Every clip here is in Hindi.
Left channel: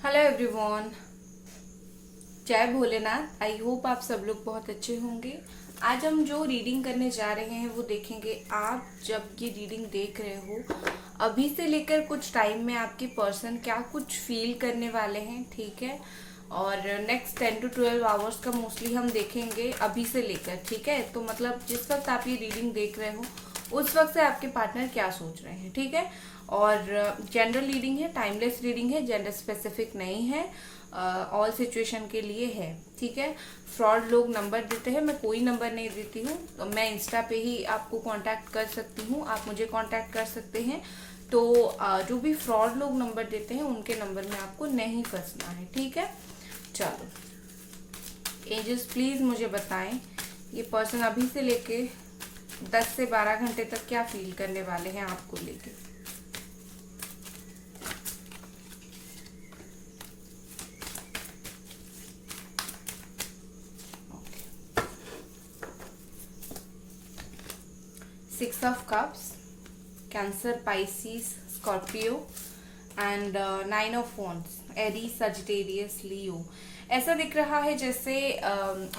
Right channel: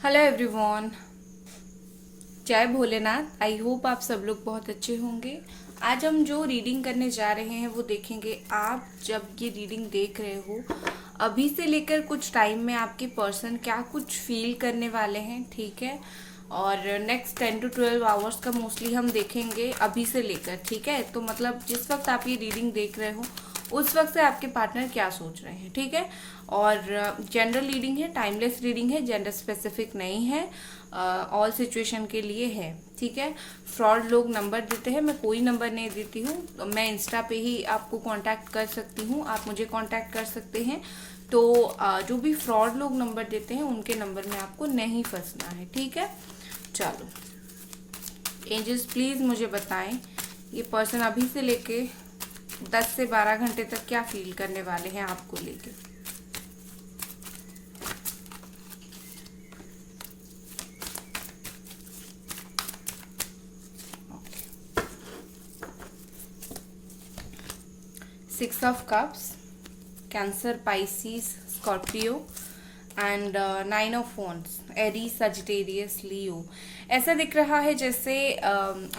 हेलो एवरीवन, जय भोलेनाथ। आई होप आप सब लोग बहुत अच्छे होंगे। आज हम जो रीडिंग करने जा रहे हैं वो देखेंगे। आप जब ये रीडिंग देख रहे हो, अभी से लेकर कुछ टाइम में आपके पर्सन क्या कुछ फील करने वाले हैं, ठीक है। और नेक्स्ट 10 to 12 आवर्स का मोस्टली हम देखेंगे अभी से लेकर, ठीक है। तो मतलब जिस वक्त आप ये रीडिंग देख रहे हो उस वक्त से आपके पार्टनर क्या सोच रहे हैं, ठीक है। और जनरल रीडिंग है, टाइमलेस रीडिंग है, जेंडर स्पेसिफिक नहीं है, ऑल सिचुएशन के लिए है, ठीक है। फ्रॉड लोग नंबर देते हैं, मैं कोई नंबर नहीं देती हूँ। तो मैं इंस्टा पे ही आपको कांटेक्ट कर सकती हूँ, आप मुझे कांटेक्ट कर सकते हैं। तो जो भी फ्रॉड लोग नंबर देते हैं उनके नंबर में आपको नहीं फंसना है, ठीक है। चलो, एंजल्स प्लीज मुझे बताएं ये पर्सन अभी से लेके 10 से 12 घंटे तक क्या फील करने वाले हैं आपको लेके। 6 of Cups, Cancer, Pisces, Scorpio and 9 of Wands, Aries, Sagittarius, Leo. ऐसा दिख रहा है जैसे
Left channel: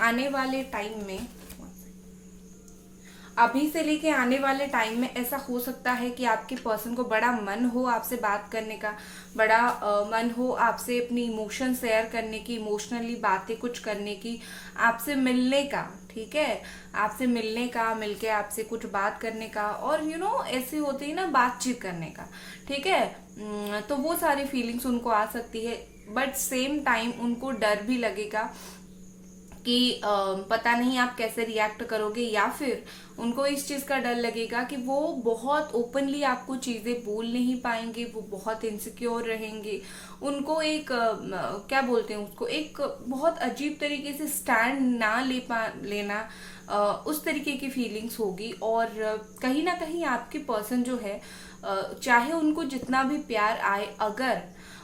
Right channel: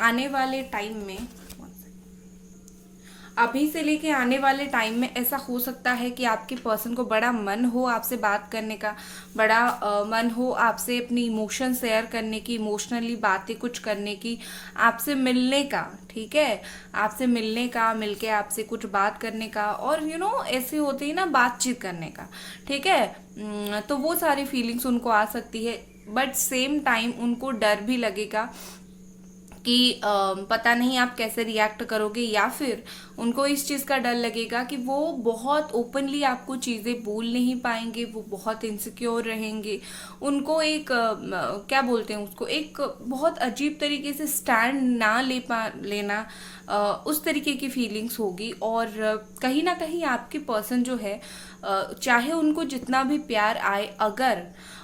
आने वाले टाइम में, अभी से लेके आने वाले टाइम में ऐसा हो सकता है कि आपके पर्सन को बड़ा मन हो आपसे बात करने का, बड़ा मन हो आपसे अपनी इमोशन शेयर करने की, इमोशनली बातें कुछ करने की, आपसे मिलने का, ठीक है। आपसे मिलने का, मिलके आपसे कुछ बात करने का, और ऐसी होती है ना बातचीत करने का, ठीक है। तो वो सारी फीलिंग्स उनको आ सकती है। बट सेम टाइम उनको डर भी लगेगा कि पता नहीं आप कैसे रिएक्ट करोगे, या फिर उनको इस चीज का डर लगेगा कि वो बहुत ओपनली आपको चीजें बोल नहीं पाएंगे, वो बहुत इनसिक्योर रहेंगे। उनको एक क्या बोलते हैं उसको, एक बहुत अजीब तरीके से स्टैंड ना लेना, उस तरीके की फीलिंग्स होगी। और कहीं ना कहीं आपके पर्सन जो है, चाहे उनको जितना भी प्यार आए, अगर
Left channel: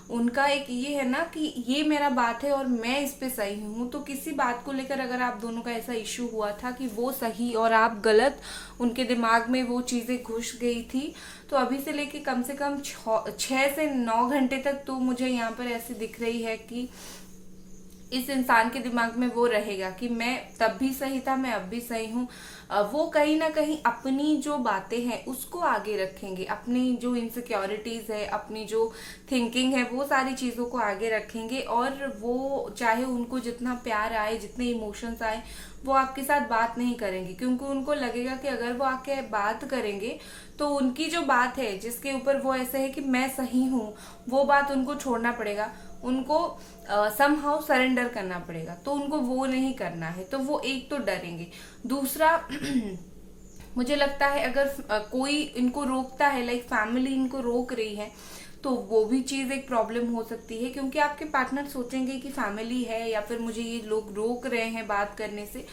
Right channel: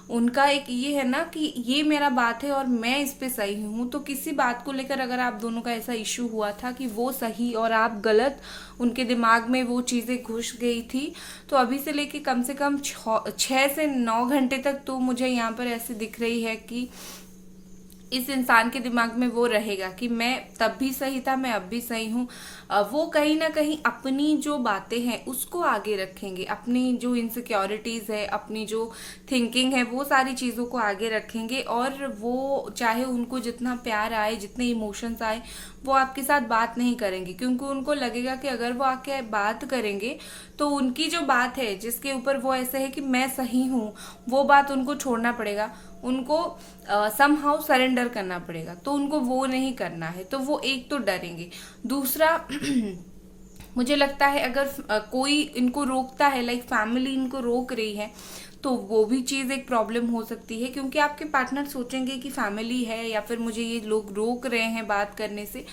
उनका एक ये है ना कि ये मेरा बात है और मैं इस पे सही हूँ, तो किसी बात को लेकर अगर आप दोनों का ऐसा इश्यू हुआ था कि वो सही और आप गलत, उनके दिमाग में वो चीजें घुस गई थी, तो अभी से लेके कम से कम 6 से 9 घंटे तक तो मुझे यहाँ पर ऐसे दिख रही है कि इस इंसान के दिमाग में वो रहेगा कि मैं तब भी सही था, मैं अब भी सही हूँ। वो कहीं ना कहीं अपनी जो बातें हैं उसको आगे रखेंगे, अपनी जो इनसिक्योरिटीज है, अपनी जो थिंकिंग है, वो सारी चीजों को आगे रखेंगे। और वो चाहे उनको जितना प्यार आए, जितने इमोशंस आए, वो आपके साथ बात नहीं करेंगे, क्योंकि उनको लगेगा कि अगर वो आके बात करेंगे तो उनकी जो बात है जिसके ऊपर वो ऐसे है कि मैं सही हूँ, वो बात उनको छोड़ना पड़ेगा, उनको समहाउ सरेंडर करना पड़ेगा। तो उनको वो नहीं करना है, तो वो एक तो डरेंगे। दूसरा मुझे लगता है अगर कोई इनको रोकता है, लाइक फैमिली इनको रोक रही है, तो वो भी चीज एक प्रॉब्लम हो सकती है, क्योंकि आपके पार्टनर सोचेंगे कि फैमिली है या फिर मुझे ये लोग रोक रहे हैं बात करने से,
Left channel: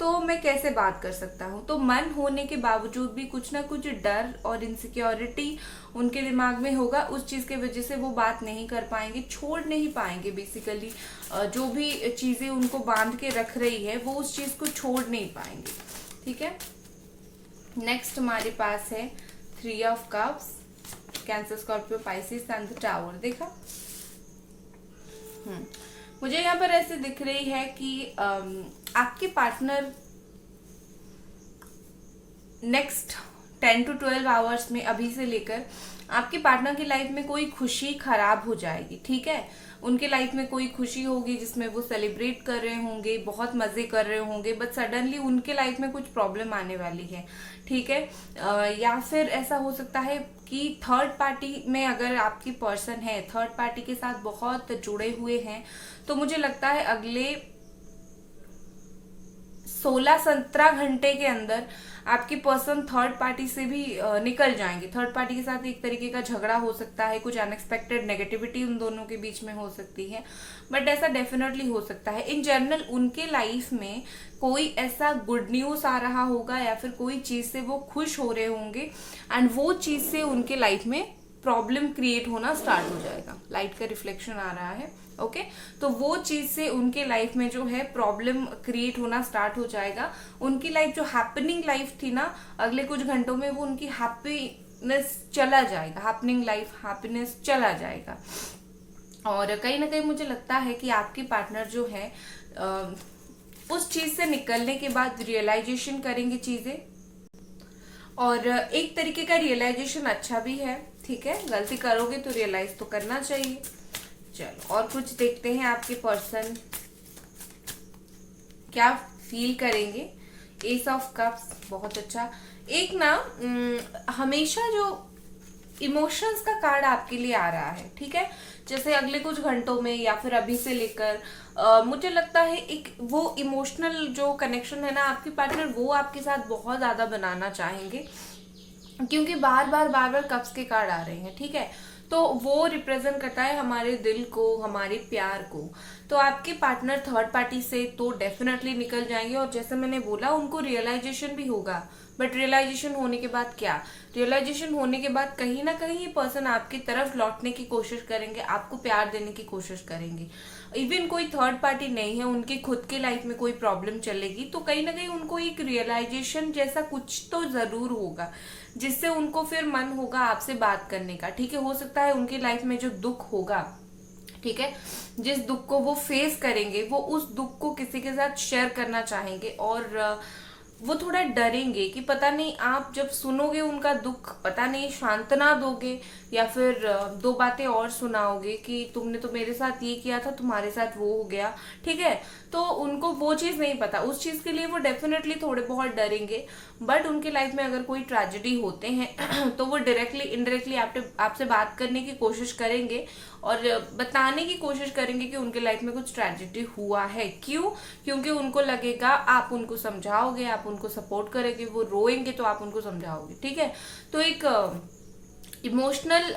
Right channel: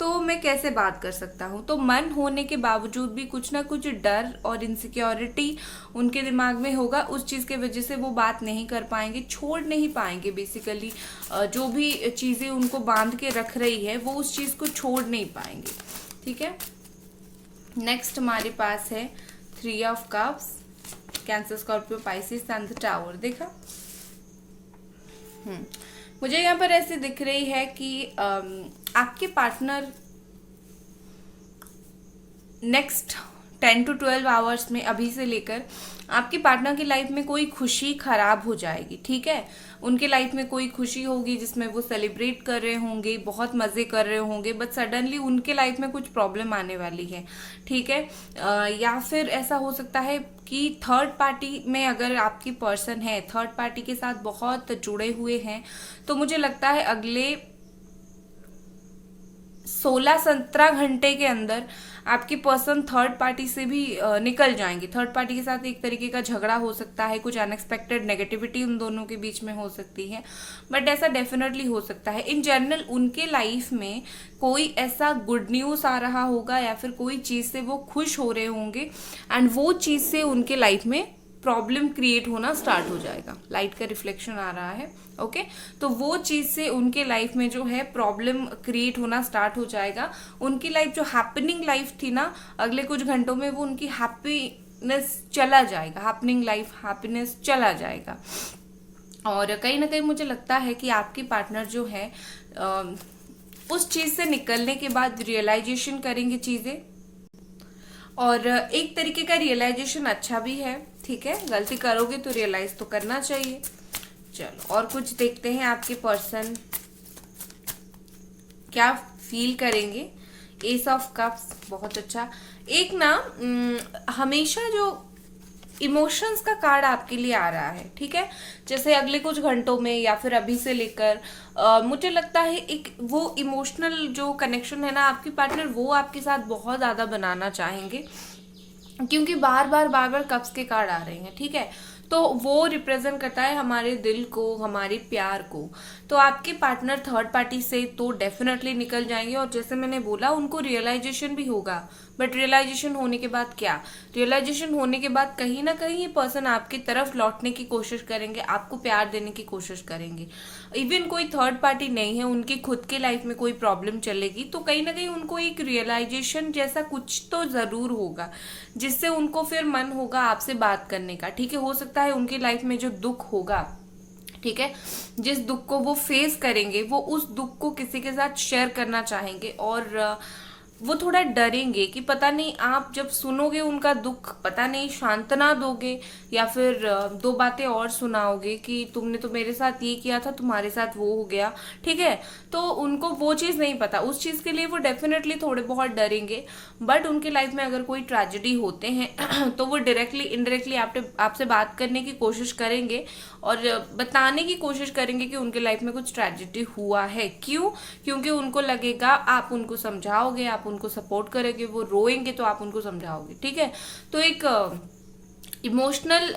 तो मैं कैसे बात कर सकता हूँ। तो मन होने के बावजूद भी कुछ ना कुछ डर और इनसिक्योरिटी उनके दिमाग में होगा, उस चीज के वजह से वो बात नहीं कर पाएंगे, छोड़ नहीं पाएंगे। बेसिकली जो भी चीजें उनको बांध के रख रही है वो उस चीज को छोड़ नहीं पाएंगे, ठीक है। नेक्स्ट हमारे पास है 3 of Cups, cancer, Scorpio, Pisces and the tower. देखा, मुझे यहाँ पर ऐसे दिख रही है कि आपके पार्टनर नेक्स्ट 10 to 12 आवर्स में, अभी से लेकर आपके पार्टनर की लाइफ में कोई खुशी खराब हो जाएगी, ठीक है। उनके लाइफ में कोई खुशी होगी जिसमें वो सेलिब्रेट कर रहे होंगे, बहुत मजे कर रहे होंगे, बट सडनली उनके लाइफ में कुछ प्रॉब्लम आने वाली है, ठीक है। या फिर ऐसा हो सकता है कि थर्ड पार्टी में अगर आपकी पर्सन है, थर्ड पार्टी के साथ बहुत जुड़े हुए हैं, तो मुझे लगता है अगले 16-17 घंटे के अंदर आपके पर्सन थर्ड पार्टी से भी निकल जाएंगे। थर्ड पार्टी के साथ एक तरीके का झगड़ा हो सकता है, कुछ अनएक्सपेक्टेड नेगेटिविटी उन दोनों के बीच में हो सकती है, बट ऐसा डेफिनेटली हो सकता है। इन जनरल उनके लाइफ में कोई ऐसा गुड न्यूज आ रहा होगा, या फिर कोई चीज से वो खुश हो रहे होंगे, एंड वो चीज से उनके लाइफ में प्रॉब्लम क्रिएट होना स्टार्ट हो जाएगा। लाइट का रिफ्लेक्शन आ रहा है, ओके। तो वो चीज से उनके लाइफ में जो है प्रॉब्लम क्रिएट होना स्टार्ट हो जाएगा। उनकी लाइफ जो हैपनिंग लाइफ थी ना, अगले कुछ घंटों में वो उनकी हैप्पीनेस चला जाएगा, हैपनिंग लाइफ हैप्पीनेस चला जाएगा। और कहीं ना कहीं मुझे लगता है कि आपकी पार्टनर जो है उस चीज से निकलने के बाद रियलाइजेशन करेंगे चीजें, और एक तरीके का रियलाइजेशन अच्छा भी है। ठीक है, गलती करोगे तो रियलाइज तो करना चाहिए। चलो और कुछ देखते हैं आपके पर्सन क्या फील करेंगे। एस ऑफ कप्स, बहुत अच्छा। एक ना हमेशा जो इमोशंस का कार्ड आपके लिए आ रहा है, ठीक है, जैसे अगले कुछ घंटों में या फिर अभी से लेकर मुझे लगता है एक वो इमोशनल जो कनेक्शन है ना आपकी पार्टनर वो आपके साथ बहुत ज्यादा बनाना चाहेंगे, क्योंकि बार बार कप्स के कार्ड आ रहे हैं। ठीक है, तो वो रिप्रेजेंट करता है हमारे दिल को, हमारे प्यार को। तो आपके पार्टनर थर्ड पार्टी से तो डेफिनेटली निकल जाएंगे, और जैसे मैंने बोला उनको रियलाइजेशन भी होगा। बट रियलाइजेशन होने के बाद क्या, रियलाइजेशन होने के बाद कहीं ना कहीं ये पर्सन आपकी तरफ लौटने की कोशिश करेंगे, आपको प्यार देने की कोशिश करेंगे। इवन कोई थर्ड पार्टी नहीं है, उनकी खुद के लाइफ में कोई प्रॉब्लम चलेगी तो कहीं ना कहीं उनको एक रियलाइजेशन जैसा कुछ तो जरूर होगा, जिससे उनको फिर मन होगा आपसे बात करने का। ठीक है, हो सकता है उनकी लाइफ में जो दुख होगा, ठीक है, जिस दुख को वो फेस करेंगे वो उस दुख को किसी के साथ शेयर करना चाहेंगे, और वो थोड़ा डरेंगे कि पता नहीं आप जब सुनोगे उनका दुख पता नहीं सांत्वना दोगे या फिर दो बातें और सुनाओगे कि तुमने तो मेरे साथ ये किया था, तुम्हारे साथ वो हो गया। ठीक है, तो उनको वो चीज नहीं पता, उस चीज के लिए वो डेफिनेटली थोड़े बहुत डरेंगे। बट उनके लाइफ में अगर कोई ट्रेजेडी होते हैं तो वो डायरेक्टली इनडायरेक्टली आपसे बात करने की कोशिश करेंगे और बताने की कोशिश करेंगे कि उनके लाइफ में कुछ ट्रेजेडी हुआ है। क्यों? क्योंकि उनको लगेगा आप उनको समझाओगे, आप उनको सपोर्ट करेंगे, वो रोएंगे तो आप उनको समझाओगे। ठीक है, तो एक इमोशनल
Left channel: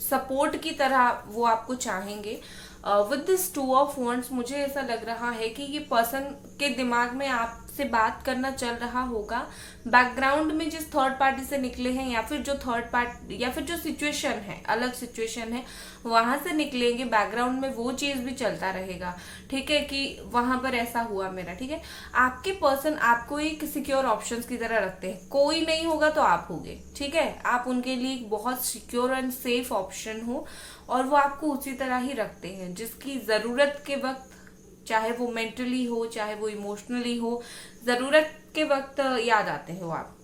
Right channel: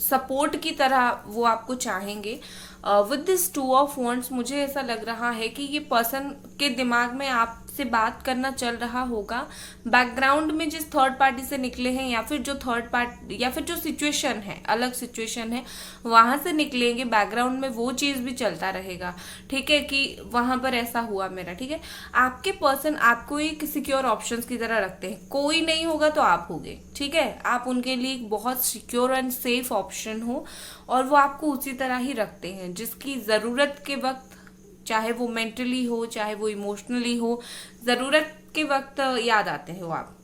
सपोर्ट की तरह वो आपको चाहेंगे। With this two of wands मुझे ऐसा लग रहा है कि ये पर्सन के दिमाग में आपसे बात करना चल रहा होगा, बैकग्राउंड में जिस थर्ड पार्टी से निकले हैं या फिर जो थर्ड पार्टी या फिर जो सिचुएशन है, अलग सिचुएशन है, वहां से निकलेंगे, बैकग्राउंड में वो चीज भी चलता रहेगा। ठीक है, कि वहां पर ऐसा हुआ मेरा। ठीक है, आपके पर्सन आपको एक सिक्योर ऑप्शंस की तरह रखते हैं, कोई नहीं होगा तो आप होगे। ठीक है, आप उनके लिए एक बहुत सिक्योर एंड सेफ ऑप्शन हो, और वो आपको उसी तरह ही रखते हैं, जिसकी जरूरत के वक्त, चाहे वो मेंटली हो चाहे वो इमोशनली हो, जरूरत के वक्त याद आते हो आप।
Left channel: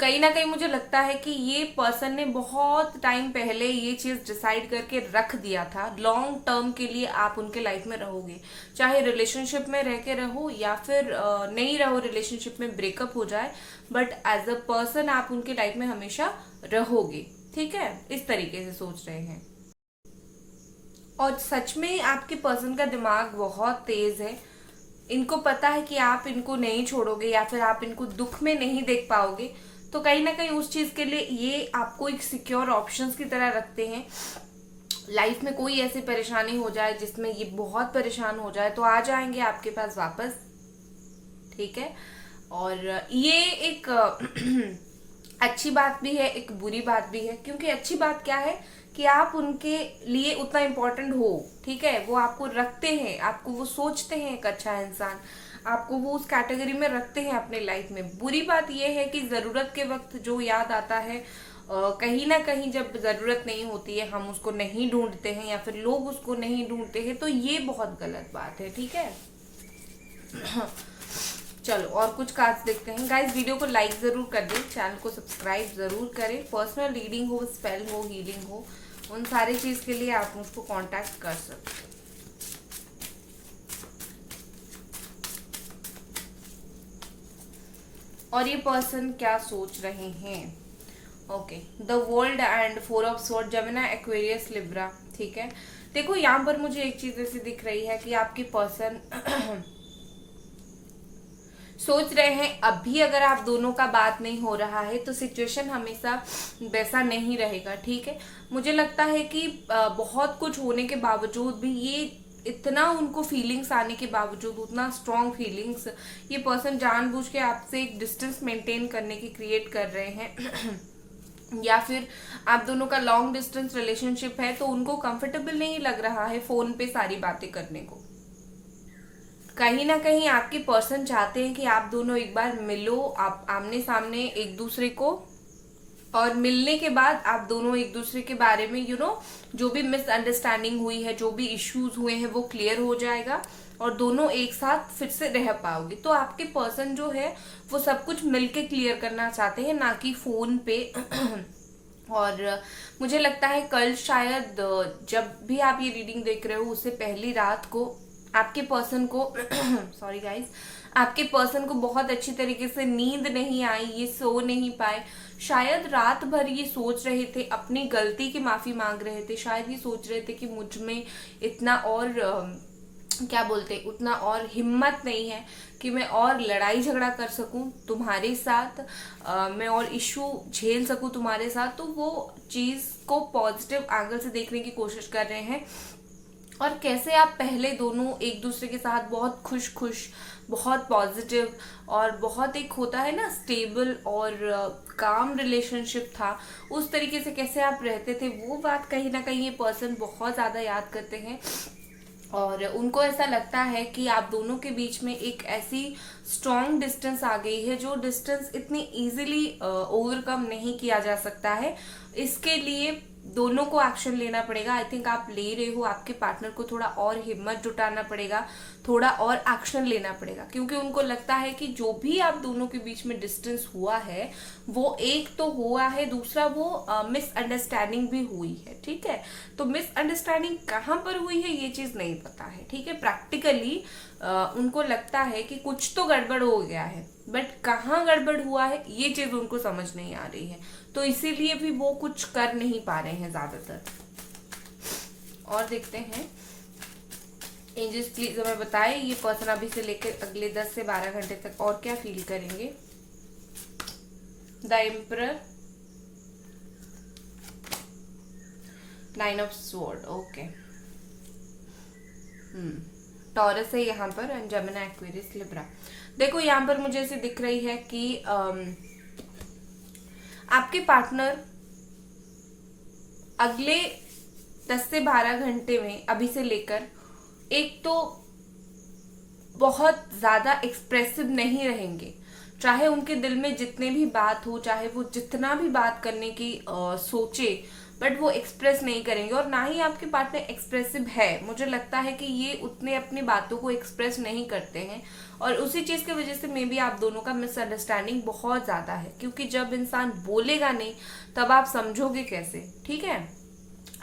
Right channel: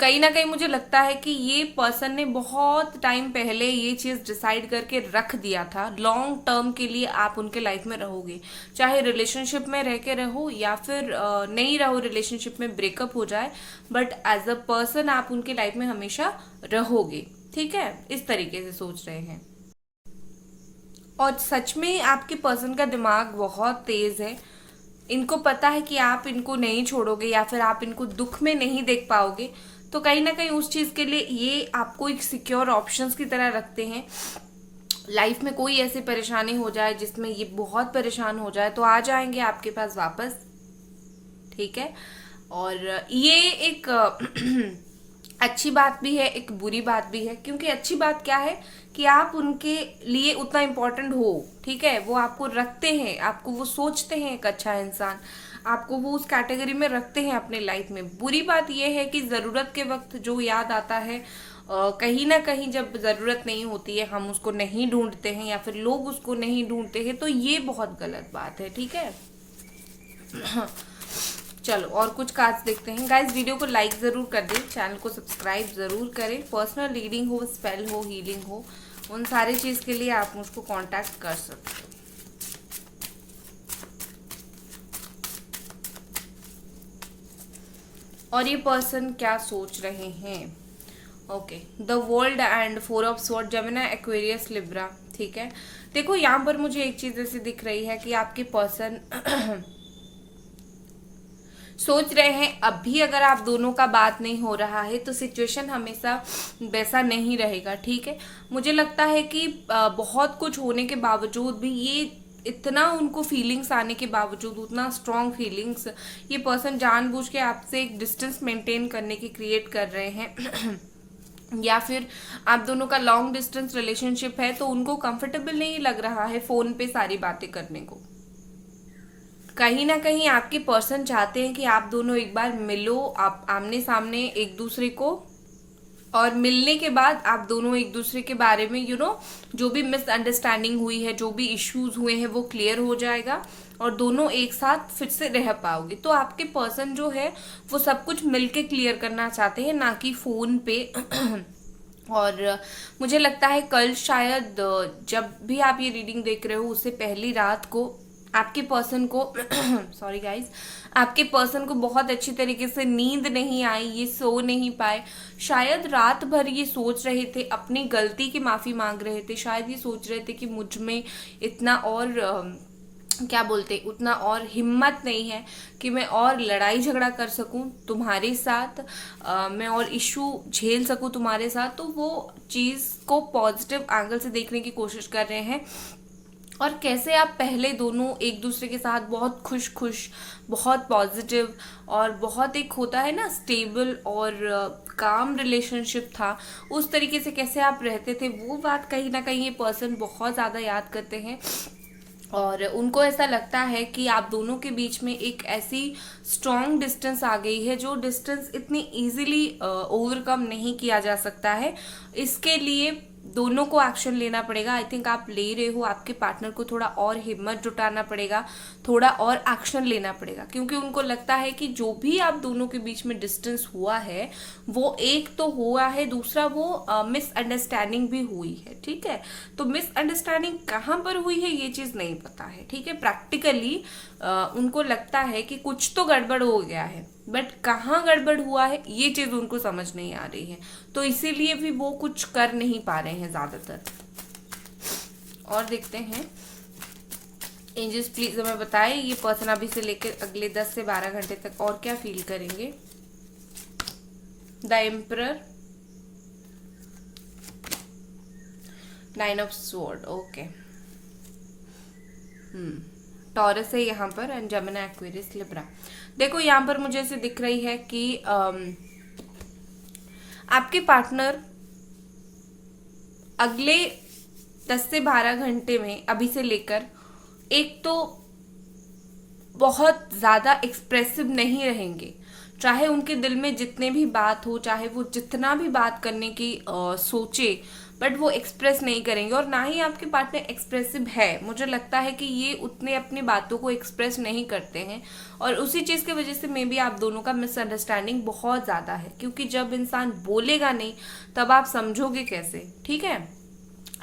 कहीं ना कहीं मुझे लगता है कि ये पर्सन ने बहुत टाइम पहले ये चीज डिसाइड करके रख दिया था, लॉन्ग टर्म के लिए आप उनके लाइफ में रहोगे, चाहे रिलेशनशिप में रह के रहो या फिर नहीं रहो, रिलेशनशिप में ब्रेकअप हो जाए, बट एज अ पर्सन आप उनके लाइफ में हमेशा रहोगे। ठीक है, इस तरीके से सोच रहे हैं। और सच में आपके पर्सन का दिमाग बहुत तेज है, इनको पता है कि आप इनको नहीं छोड़ोगे या फिर आप इनको दुख में नहीं देख पाओगे, तो कहीं ना कहीं उस चीज के लिए ये आपको एक सिक्योर ऑप्शंस की तरह रखते हैं। लाइफ में कोई ऐसी परेशानी हो जाए जिसमें ये बहुत परेशान हो जाए तो आ जाएंगे आपके पास वापस। ठीक है, और ये एक अच्छी बात भी है, एक बुरी बात भी है, क्योंकि अच्छी बात क्या है कि आप उनके लिए उतना इम्पोर्टेंट हो। ठीक है, वो आपको रखते हैं, आपको वो सोचते हैं एक अच्छा इंसान, आपको वो उस कैटेगरी में रखते हैं अपने लाइफ में। बुरी बात यह है कि जरूरत के वक्त जो याद आता है, कहीं ना कहीं जब जरूरत नहीं होती है हम उसको नहीं ढूंढते हैं या फिर लोग उसको नहीं ढूंढते हैं, तो ये बहुत गलत बात है। ठीक है, चलो और कुछ कार्ड्स देखते हैं। गाइस वीडियो को लाइक जरूर कर दें, चैनल को सब्सक्राइब जरूर करें। पर्सनल रीडिंग हो, स्पेल हो, हीलिंग हो, उन सारी चीज के लिए आप मुझको कांटेक्ट कर सकते हो। और ये पर्सन क्या सोच रहे हैं? Okay, the world and four of sword, Gemini, Aquarius, Libra. ठीक है, देखो यहाँ पर मुझे एक चीज ऐसी दिख रही है कि आपके पर्सन सोच रहे हैं अभी अगर आप दोनों का बात नहीं हो रहा है तो सिचुएशन हमेशा वैसा नहीं रहेगा। ठीक है, मुझे लगता है कि बहुत कुछ होने के बावजूद भी, ये इतना उनको फीलिंग्स आने के बावजूद, उतना स्ट्रॉन्ग फीलिंग्स, ये पर्सन जानबूझ के आपसे एक डिस्टेंस मेंटेन करने की क्रिएट कर रहे हैं या फिर आप दोनों का लॉन्ग डिस्टेंस रिलेशनशिप है तो उनको कंफर्टेबल नहीं लग रहा है फोन पे सारी बातें करने को। कहीं ना कहीं आपके पर्सन चाहते हैं कि आप दोनों एक बार मिलो, आप आमने सामने एक दूसरे को और मिलने के बाद आप दोनों एक दूसरे के बारे में जो भी मिसअंडरस्टैंडिंग हुई है, जो भी इश्यूज हुए हैं, वो क्लियर हो जाएगा और दोनों एक साथ फिर से रह पाओगे। तो आपके पर्सन जो है वो सब कुछ मिलके क्लियर करना चाहते हैं, ना कि फोन पे। और मुझे लगता है कल शायद जब भी आप ये रीडिंग देख रहे हो उससे पहली रात को आपके पर्सन को सॉरी गाइस, आपके पर्सन को बहुत अच्छी तरीके से नींद नहीं आई, ये सो नहीं पाए। शायद रात भर ये सोच रहे थे, अपनी गलती की माफी मांग रहे थे, शायद ये सोच रहे थे कि मुझ में इतना और क्या बोलते, उतना और हिम्मत नहीं है कि मैं और लड़ाई झगड़ा कर सकूं तुम्हारे साथ, मैं और इशू झेल सकूं तुम्हारे साथ। तो वो चीज को पॉजिटिव एंगल से देखने की कोशिश कर रहे हैं। और कैसे आप पहले दोनों एक दूसरे के साथ बहुत खुश खुश, बहुत पॉजिटिव और बहुत एक होता है ना स्टेबल और काम रिलेशनशिप था, उस तरीके से कैसे आप रहते थे, वो बात कहीं ना कहीं ये पर्सन बहुत ज्यादा याद करते हैं। और उनको ऐसा लगता है कि आप दोनों के बीच में एक ऐसी स्ट्रॉन्ग डिस्टेंस आ गई है जो डिस्टेंस इतनी इजीली ओवरकम नहीं किया जा सकता है। इसके लिए दोनों को एक्शन लेना पड़ेगा। आई थिंक आप ले रहे हो, आपके पार्टनर को थोड़ा और हिम्मत जुटाना पड़ेगा, थोड़ा और एक्शन लेना पड़ेगा, क्योंकि उनको लगता है कि जो भी आप दोनों के बीच में डिस्टेंस हुआ है वो एक तो हुआ है, दूसरा वो मिसअंडरस्टैंडिंग भी हुई है। ठीक है, तो मिसअंडरस्टैंडिंग कहाँ पर हुई है ये चीज नहीं पता है। ठीक है, प्रैक्टिकली उनको लगता है कि कुछ तो गड़बड़ हो गया है, बट कहाँ गड़बड़ हुआ है ये चीज उनको समझ नहीं आ रही है, तो इसीलिए भी वो कुछ कर नहीं पा रहे हैं ज्यादातर। और देखते हैं एंजल्स प्लीज हमें बताएं ये पर्सन अभी से लेकर अगले 10 से 12 घंटे तक और क्या फील करेंगे। The emperor, 9 of sword, okay. Taurus है यहाँ पर एंड जेमिनी, एक्वेरियस, लिब्रा। देखो यहाँ पर मुझे ऐसे दिख रही है कि आपके पार्टनर अगले 10 से 12 घंटे में अभी से लेकर एक तो बहुत ज्यादा एक्सप्रेसिव नहीं रहेंगे, चाहे उनके दिल में जितने भी बात हो, चाहे वो जितना भी बात करने की सोचे, बट वो एक्सप्रेस नहीं करेंगे। और ना ही आपके पार्टनर एक्सप्रेसिव है, मुझे लगता है कि ये उतने अपनी बातों को एक्सप्रेस नहीं करते हैं और उसी चीज की वजह से मे बी आप दोनों का मिसअंडरस्टैंडिंग बहुत ज्यादा है, क्योंकि जब इंसान बोलेगा नहीं तब आप समझोगे कैसे। ठीक है,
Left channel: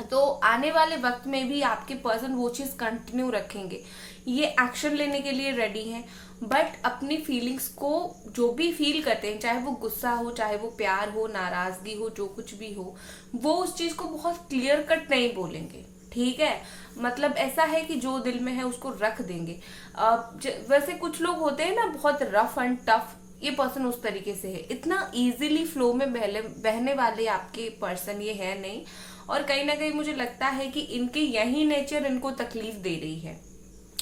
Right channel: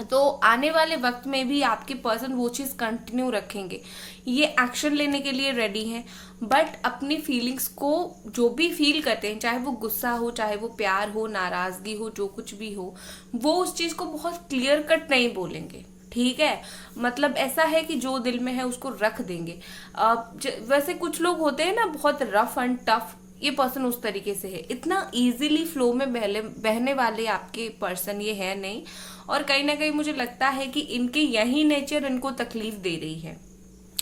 तो आने वाले वक्त में भी आपके पर्सन वो चीज कंटिन्यू रखेंगे, ये एक्शन लेने के लिए रेडी हैं, बट अपनी फीलिंग्स को जो भी फील करते हैं, चाहे वो गुस्सा हो, चाहे वो प्यार हो, नाराजगी हो, जो कुछ भी हो, वो उस चीज को बहुत क्लियर कट नहीं बोलेंगे। ठीक है, मतलब ऐसा है कि जो दिल में है उसको रख देंगे। वैसे कुछ लोग होते हैं ना बहुत रफ एंड टफ, ये पर्सन उस तरीके से है, इतना इजीली फ्लो में बहने वाले आपके पर्सन ये है नहीं। और कहीं ना कहीं मुझे लगता है कि इनके यही नेचर इनको तकलीफ दे रही है।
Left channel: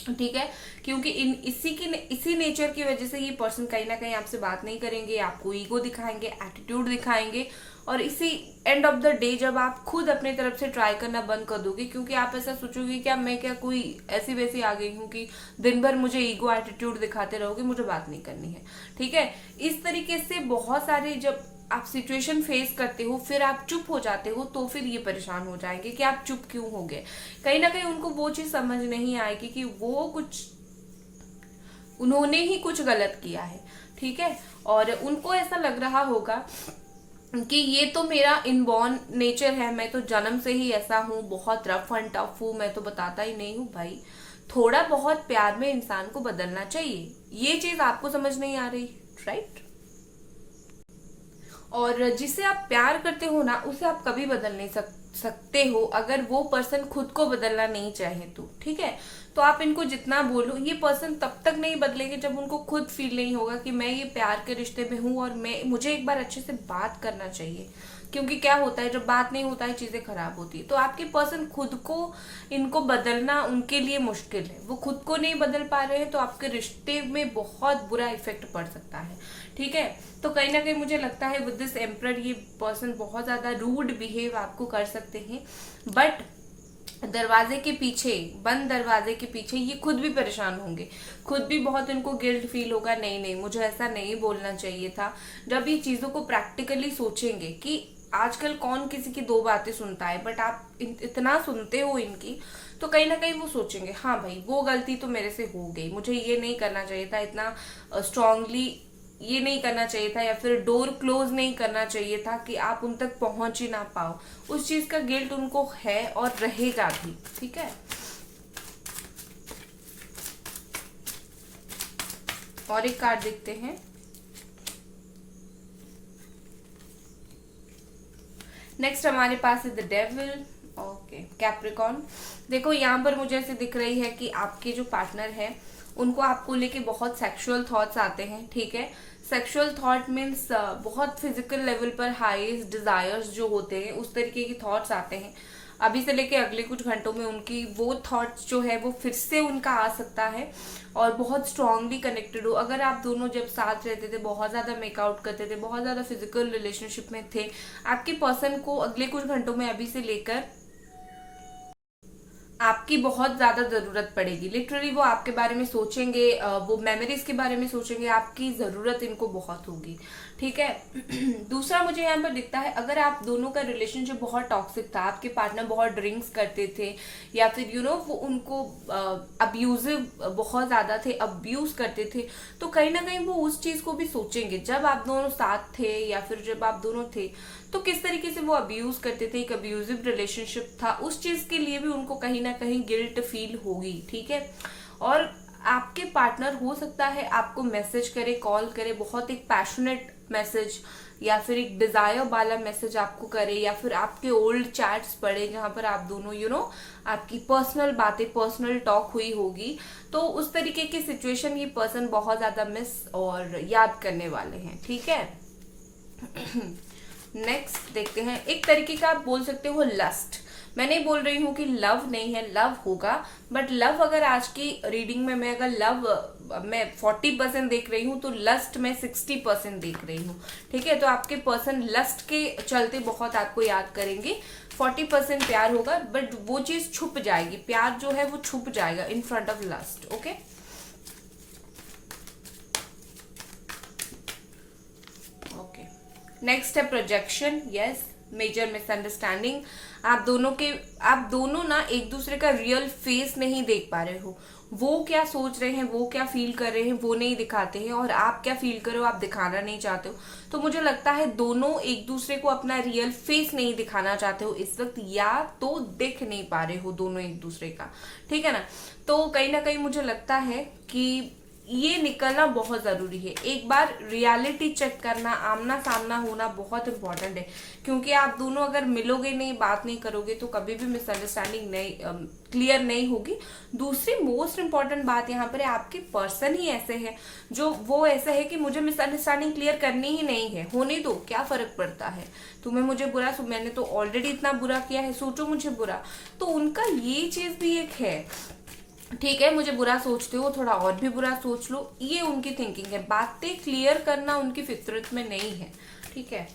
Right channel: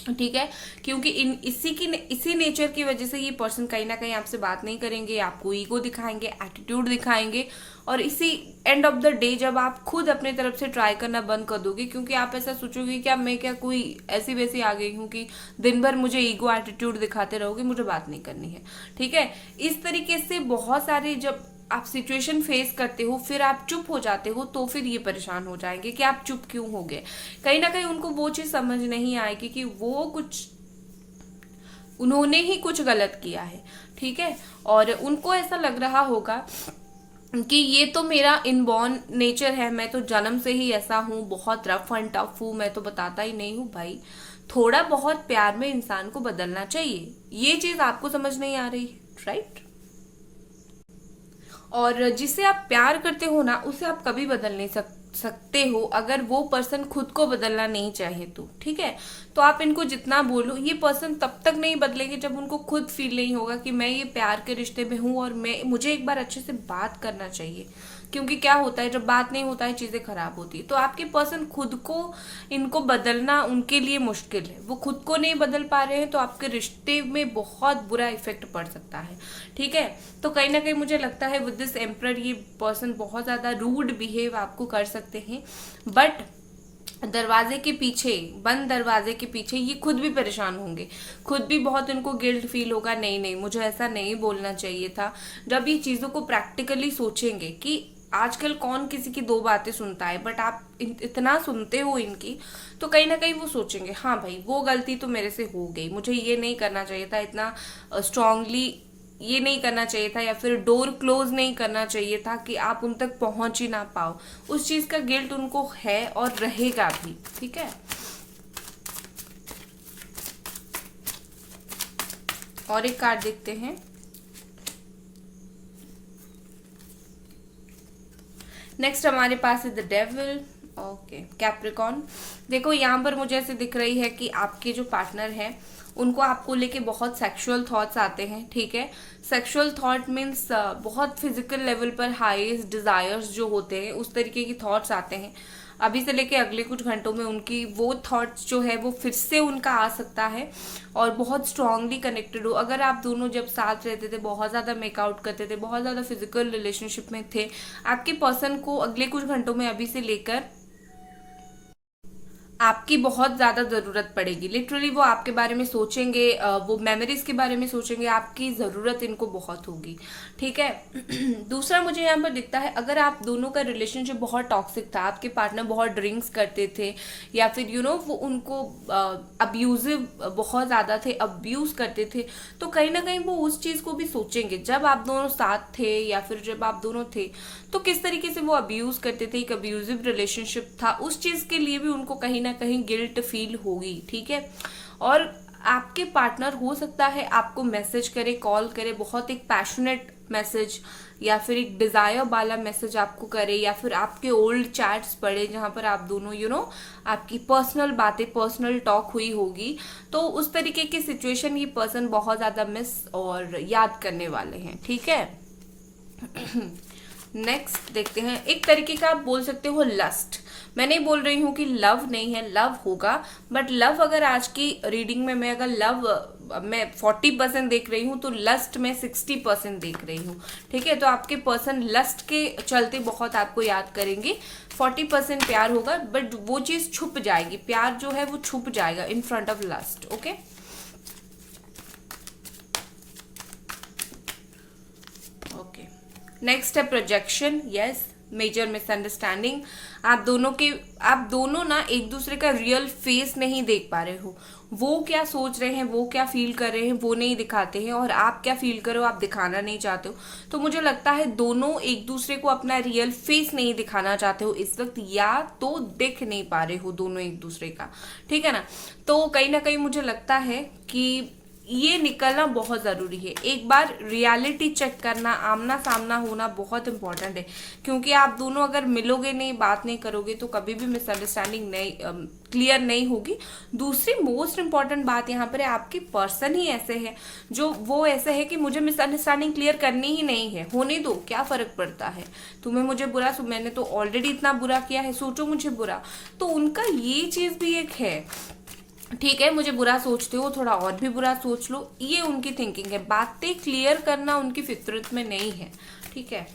ठीक है, क्योंकि इसी नेचर की वजह से ये पर्सन कहीं ना कहीं आपसे बात नहीं करेंगे, आपको ईगो दिखाएंगे, एटीट्यूड दिखाएंगे। और इसी एंड ऑफ द डे जब आप खुद अपनी तरफ से ट्राई करना बंद कर दोगे, क्योंकि आप ऐसा सोचोगे कि अब मैं क्या कोई ऐसी वैसी आ गई हूँ कि दिन भर मुझे ईगो एटीट्यूड दिखाते रहोगे, मुझे बात नहीं करनी है। ठीक है, इस तरीके से बहुत सारे जब आप सिचुएशन फेस करते हो फिर आप चुप हो जाते हो, तो फिर ये परेशान हो जाएंगे कि आप चुप क्यों हो गए। कहीं ना कहीं उनको वो चीज समझ नहीं आएगी कि उन्होंने ही कुछ गलत किया है। ठीक है, और उनको ऐसा लग रहा होगा कि ये तो मेरा इनबॉर्न नेचर है, मैं तो जन्म से ही ऐसा हूँ, बहुत रफ एंड टफ हूँ, मैं तो बताता ही नहीं हूँ। भाई थोड़ा बहुत प्यार में इंसान को बदलना चाहिए, ये चीज आपको समझ नहीं आ रही, राइट। और जिसे आप प्यार करते हो ना उसे आप कभी बदल नहीं सकते हो, अगर वो पर्सन खुद को बदलना नहीं चाहे तो। ठीक है, तो आप इनको जितना बोलो, ये पर्सन तब तक नहीं बदलेंगे जब उनको खुद फील नहीं होगा कि मैं ये प्यार के रिश्ते में हूँ और मुझे एक बार अच्छे से बात करना चाहिए। क्योंकि क्या होता है जब बात नहीं होता है चीजें खराब होती है। तो आपके पर्सन खुद को इनको बदलना उनके लिए मुश्किल है, वो खुद को नहीं बदल पा रहे हैं, तो आपके रिश्ते में बहुत बुरा इफेक्ट पड़ सकता है। ठीक है, तो कहीं ना कहीं मुझे लगता है विद दिस एम्परर ये पर्सन बहुत ज्यादा रूड बिहेव आपको कर सकते हैं, बट दरवाजे के पीछे, बंद दरवाजे के पीछे ये खुद भी परेशान होंगे, खुद भी बहुत उनको गिल्ट फील होगा, नहीं नहीं मुझे ऐसा नहीं बोलना चाहिए था। जब ये चीजों को प्रैक्टिकली सोचेंगे कि आजकल कौन किसी की दो बातें सुनता है, बट आप इतना सुनते हो इनकी, तो कहीं ना कहीं वो सोचेंगे हाँ भाई वो गलती तो मेरे से हो गई, मुझे ये नहीं करना चाहिए था, इतना स्ट्रांगली ये नहीं करना चाहिए था, या फिर डोर क्लोज नहीं करना चाहिए था कि आप उन तक पहुंच ही ना पाओ। उस चीज का गिल्ट उनको है और रहेगा भी। ठीक है, और एक कार्ड देखते हैं। नेक्स्ट हमारे पास है द डेविल। Okay, Capricorn. देखो यहाँ पर मुझे ऐसे दिख रही है कि आपके जो पार्टनर है उनको आपको लेके बहुत सेक्सुअल थॉट्स आते हैं। ठीक है, सेक्सुअल थॉट मीन्स बहुत फिजिकल लेवल पर हाईएस्ट डिजायर्स जो होते हैं उस तरीके की थॉट्स आते हैं। अभी से लेके अगले कुछ घंटों में उनकी वो थॉट्स जो है वो फिर से उनका आ सकता है और बहुत स्ट्रांगली कनेक्टेड हो। अगर आप दोनों जब साथ रहते थे, बहुत ज्यादा मेकआउट करते थे, बहुत ज्यादा फिजिकल रिलेशनशिप में थे, आपके पर्सन को अगले कुछ घंटों में अभी से लेकर आपकी बहुत ज्यादा जरूरत पड़ेगी। लिटरली वो आपके बारे में सोचेंगे, वो मेमोरीज के बारे में सोचेंगे, आपकी जरूरत इनको बहुत होगी। ठीक है। दूसरा मुझे यहाँ पर दिखता है, अगर आप दोनों का रिलेशनशिप बहुत टॉक्सिक था, आपके पार्टनर बहुत ड्रिंक्स करते थे, या फिर वो उनको अब्यूजिव बहुत ज्यादा थे, अब्यूज करते थे, तो कहीं ना कहीं वो उस चीज को भी सोचेंगे जब आप दोनों साथ थे या फिर जब आप दोनों थे तो किस तरीके से वो अब्यूज करते थे, एक अब्यूजिव रिलेशनशिप था, उस चीज के लिए भी उनको कहीं ना कहीं गिल्ट फील होगी। ठीक है, और आपके पार्टनर हो सकता है आपको मैसेज करे, कॉल करे, बहुत एक पैशनेट मैसेज या फिर एक डिजायर वाला मैसेज आपको करे, या फिर आपके ओल्ड चैट्स पढ़े जहां पर आप दोनों आपकी पर्सनल बातें, पर्सनल टॉक हुई होगी। तो उस तरीके की सिचुएशन ये पर्सन बहुत ज्यादा मिस और याद करने वाले हैं। ठीक है। नेक्स्ट देखते हैं, एक तरीके का आप बोल सकते हो लस्ट। मैं नहीं बोल रही हूँ कि लव नहीं है, लव होगा, बट लव अगर आज की रीडिंग में मैं अगर लव मैं 40% देख रही हूँ तो लस्ट में 60% देख रही हूँ। ठीक है, तो आपके पर्सन लस्ट के चलते बहुत आपको याद करेंगे। 40% प्यार होगा, बट वो चीज छुप जाएगी, प्यार जो है वो छुप जाएगा in front of lust. Okay, next है प्रोजेक्शन। Yes, major misunderstanding. आप दोनों ना एक दूसरे का रियल फेस नहीं देख पा रहे हो। वो क्या सोच रहे हैं, वो क्या फील कर रहे हैं, वो नहीं दिखाते हैं, और आप क्या फील करो आप दिखाना नहीं चाहते हो। तो मुझे लगता है दोनों एक दूसरे को अपना रियल फेस नहीं दिखाना चाहते हो इस वक्त, या तो दिख नहीं पा रहे हो दोनों एक दूसरे का। ठीक है ना, तो कहीं ना कहीं मुझे लगता है कि ये निकलना बहुत जरूरी है। एक बार रियलिटी चेक करना, आमना सामना होना बहुत इंपॉर्टेंट है, क्योंकि आप दोनों अगर मिलोगे नहीं, बात नहीं करोगे, तो कभी भी मिसअंडरस्टैंडिंग नहीं क्लियर नहीं होगी। दूसरी मोस्ट इंपॉर्टेंट बात यहाँ पर है, आपके पर्सन ही ऐसे है जो वो ऐसे है कि मुझे मिसअंडरस्टैंडिंग क्लियर करनी ही नहीं है, होने दो, क्या फर्क पड़ता है तुम्हें मुझे बुरा, मैंने तो ऑलरेडी इतना बुरा किया है, सोचो मुझे बुरा। तो उनका ये चीज भी एक है, ठीक है मुझे बुरा सोचते हो, थोड़ा और भी बुरा सोच लो, ये उनकी थिंकिंग है। बातें क्लियर करना उनकी फितरत में नहीं है। ठीक है,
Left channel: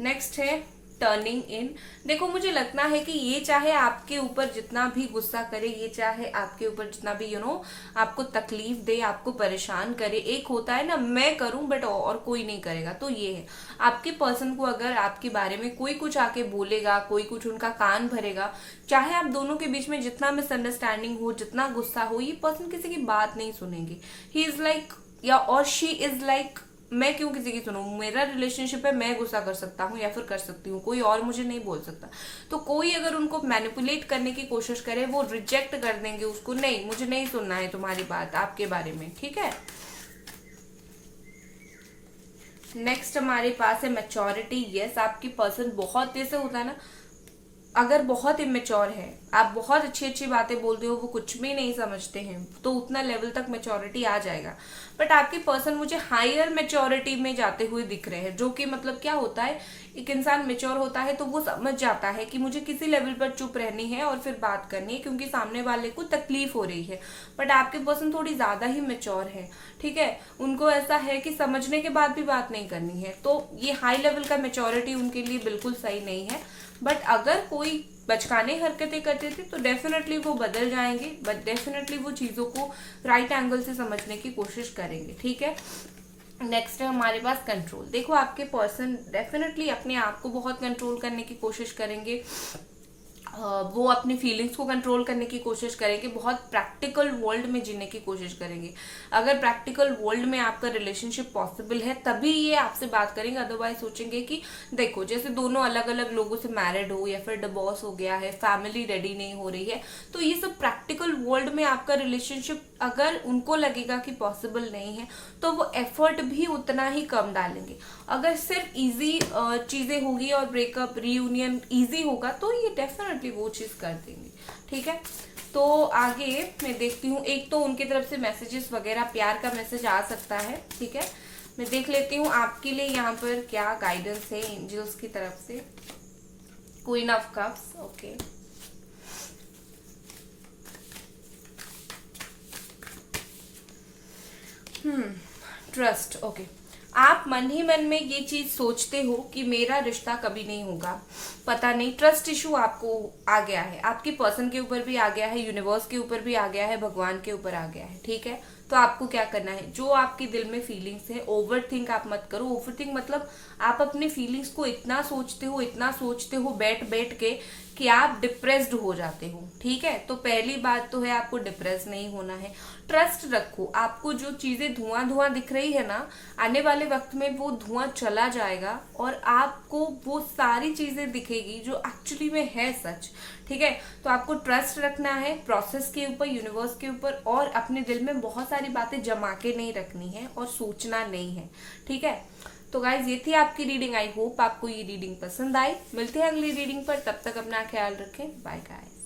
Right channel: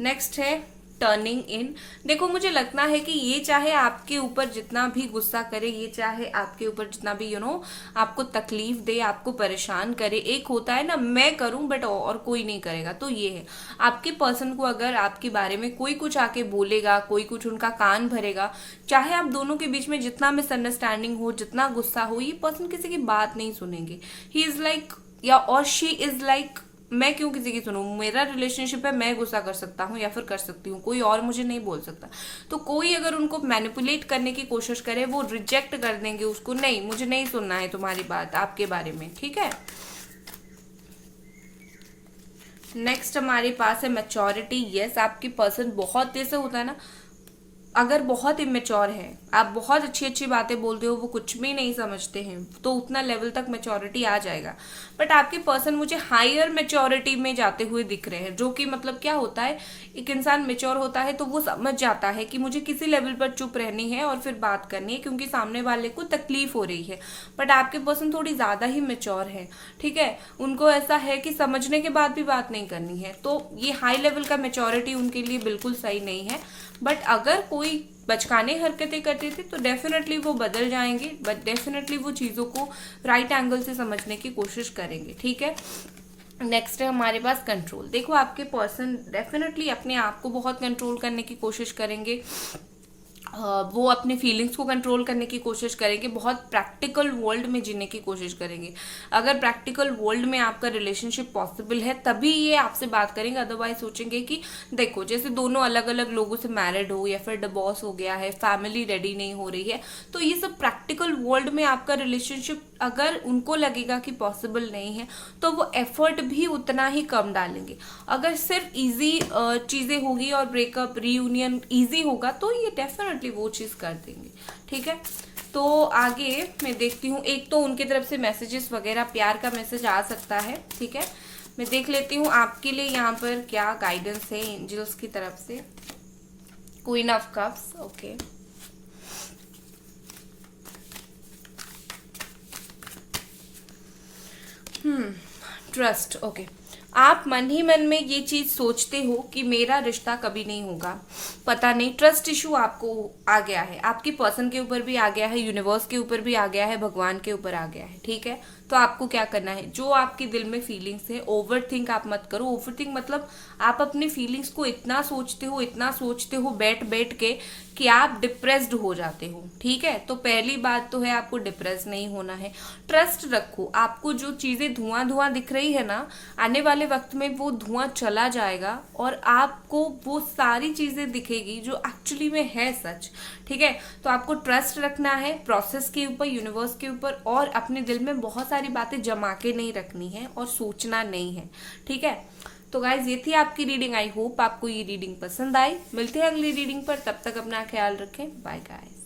नेक्स्ट है टर्निंग इन। देखो मुझे लगता है कि ये चाहे आपके ऊपर जितना भी गुस्सा करे, ये चाहे आपके ऊपर जितना भी आपको तकलीफ दे, आपको परेशान करे, एक होता है ना मैं करूं बट और कोई नहीं करेगा, तो ये है आपके पर्सन को अगर आपके बारे में कोई कुछ आके बोलेगा, कोई कुछ उनका कान भरेगा, चाहे आप दोनों के बीच में जितना मिसअंडरस्टैंडिंग हो, जितना गुस्सा हो, ये पर्सन किसी की बात नहीं सुनेंगे। ही इज लाइक, या और शी इज लाइक, मैं क्यों किसी की सुनूं, मेरा रिलेशनशिप है, मैं गुस्सा कर सकता हूँ या फिर कर सकती हूँ, कोई और मुझे नहीं बोल सकता। तो कोई अगर उनको मैनिपुलेट करने की कोशिश करे, वो रिजेक्ट कर देंगे उसको, नहीं मुझे नहीं सुनना है तुम्हारी बात आपके बारे में। ठीक है, नेक्स्ट हमारे पास है मैच्योरिटी। यस, आपकी पर्सन बहुत जैसे होता है ना, अगर बहुत इमेच्योर है, आप बहुत अच्छी अच्छी बातें बोलते हो, वो कुछ भी नहीं समझते हैं, तो उतना लेवल तक मैच्योरिटी आ जाएगा। बट आपके पर्सन मुझे हायर मैच्योरिटी में जाते हुए दिख रहे हैं, जो कि मतलब क्या होता है, एक इंसान मैच्योर होता है तो वो समझ जाता है कि मुझे किसी लेवल पर चुप रहनी है और फिर बात करनी है, क्योंकि सामने वाले को तकलीफ हो रही है। बट आपके पर्सन थोड़ी ज्यादा ही मैच्योर है। ठीक है, उनको ऐसा है कि समझने के बाद भी बात नहीं करनी है, तो ये हाई लेवल का मैच्योरिटी उनके लिए बिल्कुल सही नहीं है। बट अगर कोई बचकाने हरकतें करते थे तो डेफिनेटली वो बदल जाएंगे, बट डेफिनेटली वो चीजों को राइट एंगल से समझने की कोशिश करेंगे। ठीक है, नेक्स्ट है हमारे पास कंट्रोल। देखो आपके पर्सन डेफिनेटली अपने आप को बहुत कंट्रोल करने की कोशिश करेंगे, वो अपनी फीलिंग्स को कंट्रोल करने की कोशिश करेंगे, बहुत प्रैक्टिकल वर्ल्ड में जीने की कोशिश करेंगे। अगर प्रैक्टिकल वर्ल्ड में आपका रिलेशनशिप पॉसिबल है तभी ये आपसे बात करेंगे, अदरवाइज सोचेंगे कि देखो जैसे दोनों अलग अलग लोगों से मैरिड हो या फिर डिवोर्स हो गया है, फैमिली रेडी नहीं हो रही है, तो ये सब प्रैक्टिकल वर्ल्ड में आपका रिलेशनशिप अगर उनको लगेगा कि पॉसिबल नहीं है तो वो एफर्ट भी उतना ही कम डालेंगे। अगर सिर्फ इजी चीजें होगी और ब्रेकअप रीयूनियन इजी होगा तो ये डेफिनेटली वो चीज कर देंगे। ठीक है, तो आगे मैं देखती हूँ, एक तो उनकी तरफ से मैसेजेस वगैरह प्यार का मैसेज आ सकता है। ठीक है, मैं देख लेती हूँ आपके लिए यहाँ पर क्या गाइडेंस है एंजल्स की तरफ से। Queen of cups, okay, trust, okay. आप मन ही मन में ये चीज सोचते हो कि मेरा रिश्ता कभी नहीं होगा, पता नहीं, ट्रस्ट इशू आपको आ गया है, आपकी पर्सन के ऊपर भी आ गया है, यूनिवर्स के ऊपर भी आ गया है, भगवान के ऊपर आ गया है। ठीक है, तो आपको क्या करना है, जो आपके दिल में फीलिंग्स है, ओवर थिंक आप मत करो। ओवर थिंक मतलब आप अपनी फीलिंग्स को इतना सोचते हो बैठ बैठ के कि आप डिप्रेस्ड हो जाते हो। ठीक है, तो पहली बात तो है आपको डिप्रेस नहीं होना है, ट्रस्ट रखो। आपको जो चीजें धुआं धुआं दिख रही है ना, आने वाले वक्त में वो धुआं चला जाएगा और आपको वो सारी चीजें दिखेगी जो एक्चुअली में है सच। ठीक है, तो आपको ट्रस्ट रखना है प्रोसेस के ऊपर, यूनिवर्स के ऊपर, और अपने दिल में बहुत सारी बातें जमा के नहीं रखनी है और सोचना नहीं है। ठीक है, तो गाइज ये थी आपकी रीडिंग। आई होप आपको ये रीडिंग पसंद आई। मिलते हैं अगली रीडिंग पर, तब तक अपना ख्याल रखें। Bye guys.